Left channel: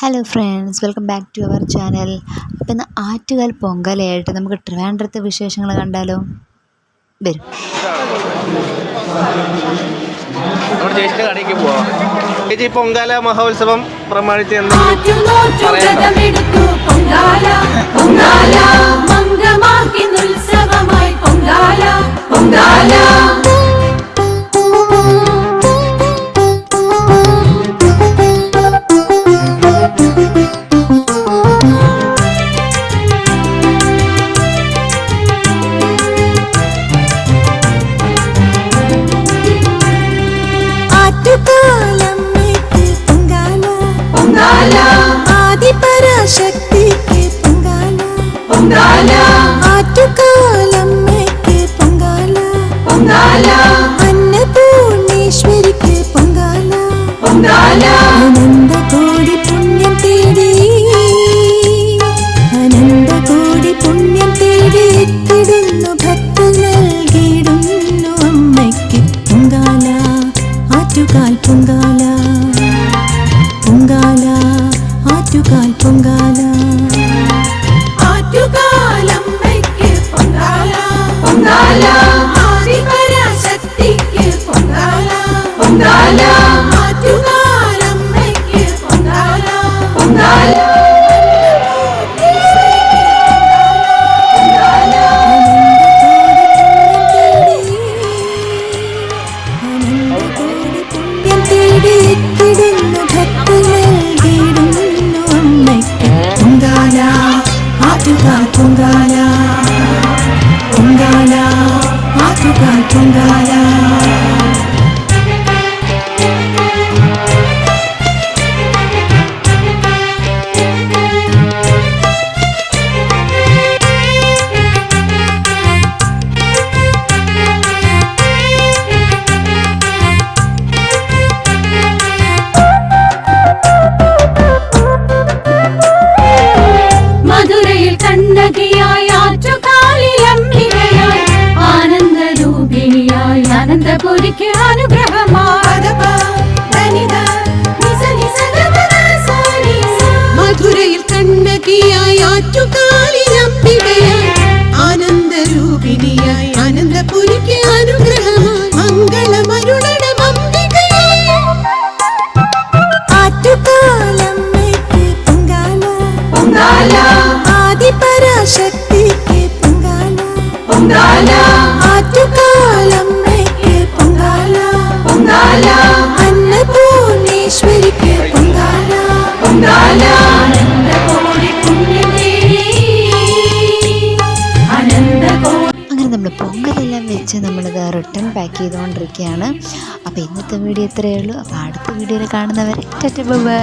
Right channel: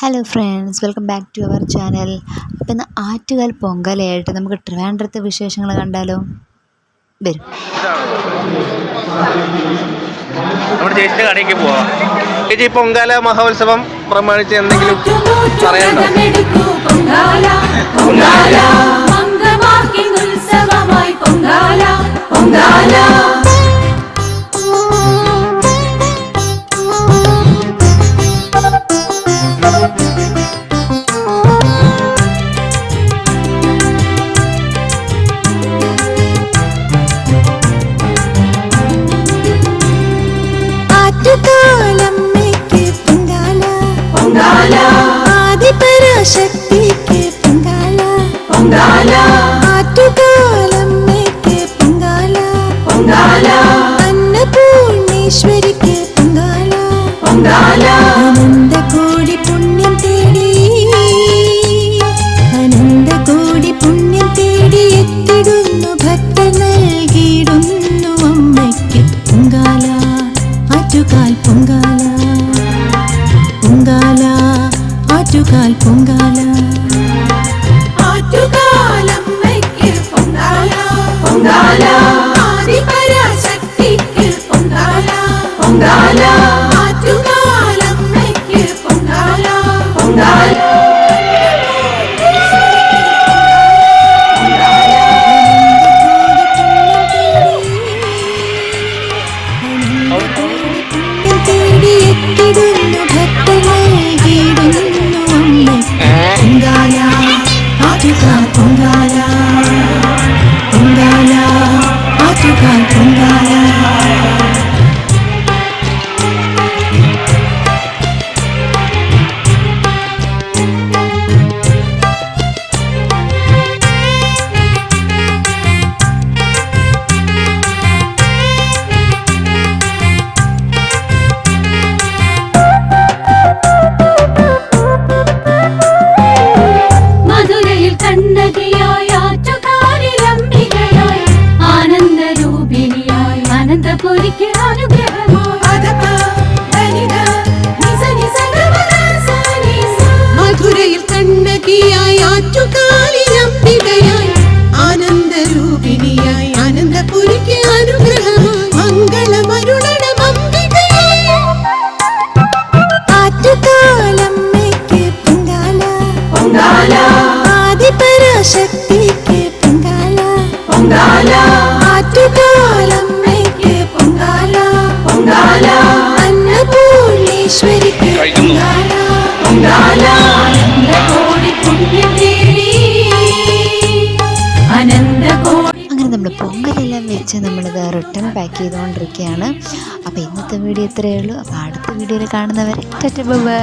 Hello friends, welcome back to our channel. അപ്പോൾ ഇന്ന് ആറ്റുകാൽ പൊങ്കലയായിട്ട് നമുക്ക് ട്രിവാൻഡ്രത്തെ വിശേഷങ്ങൾ കണ്ടാലോ? വരും. നമ്മുടെ ചേച്ചിയുടെ കടയ്ക്ക് പോവാം. ചേച്ചി, പൊങ്കാല മഹോത്സവം പ്രമാണിച്ച് എന്തെങ്കിലും പറയാനുണ്ടോ? അന്നപൂർണേശ്വരിക്ക് പൊങ്കാല, അനന്തകോടി പുണ്യം തേടി, അനന്തകോടി പുണ്യം തേടി എത്തിടുന്നു ഭക്തർ നൽകിയിടുന്നു അമ്മയ്ക്ക് പൊങ്കാല. ആറ്റുകാൽ പൊങ്കാല, പൊങ്കാല, ആറ്റുകാൽ പൊങ്കാല, ആറ്റുകാലമ്മയ്ക്ക് പൊങ്കാല, പൊങ്കാല, ആദിപരാശക്തിക്ക് പൊങ്കാല, പൊങ്കാല, ആറ്റുകാലമ്മയ്ക്ക് പൊങ്കാല, പൊങ്കാല. പൊങ്കാല, ആറ്റുകാൽ പൊങ്കാല, പൊങ്കാല, ആറ്റുകാൽ പൊങ്കാല. കണ്ണകിയായി ആറ്റുകാലിലംബികയായി ആനന്ദരൂപിണിയായി അനന്തപുരിക്ക് അനുഗ്രഹമായി മധുരയിൽ കണ്ണകിയായി ആറ്റുകാലിലംബികയായി ആനന്ദരൂപിണിയായി അനന്തപുരിക്ക് അനുഗ്രഹമായി മംഗളമരുളണം അംബികയായി. ആറ്റുകാലമ്മയ്ക്ക് പൊങ്കാല, പൊങ്കാല, ആദിപരാശക്തിക്ക് പൊങ്കാല, പൊങ്കാല, ആറ്റുകാലമ്മയ്ക്ക് പൊങ്കാല, പൊങ്കാല, അന്നപൂർണേശ്വരിക്ക് പൊങ്കാല, പൊങ്കാല, അനന്തകോടി പുണ്യം തേടി, അനന്തകോടി. അങ്ങനെ നമ്മൾ പൊങ്കലെല്ലാം വെച്ച് നമ്മളിത് റിട്ടേൺ പാക്ക് ചെയ്തുകൊണ്ടിരിക്കുകയാണ്. അപ്പോൾ ഇന്നത്തെ വീഡിയോ ഇത്രയേ ഉള്ളൂ. അപ്പോൾ അടുത്ത വീഡിയോയിൽ കാണുന്നവരെ ടാറ്റാ, ബൈ.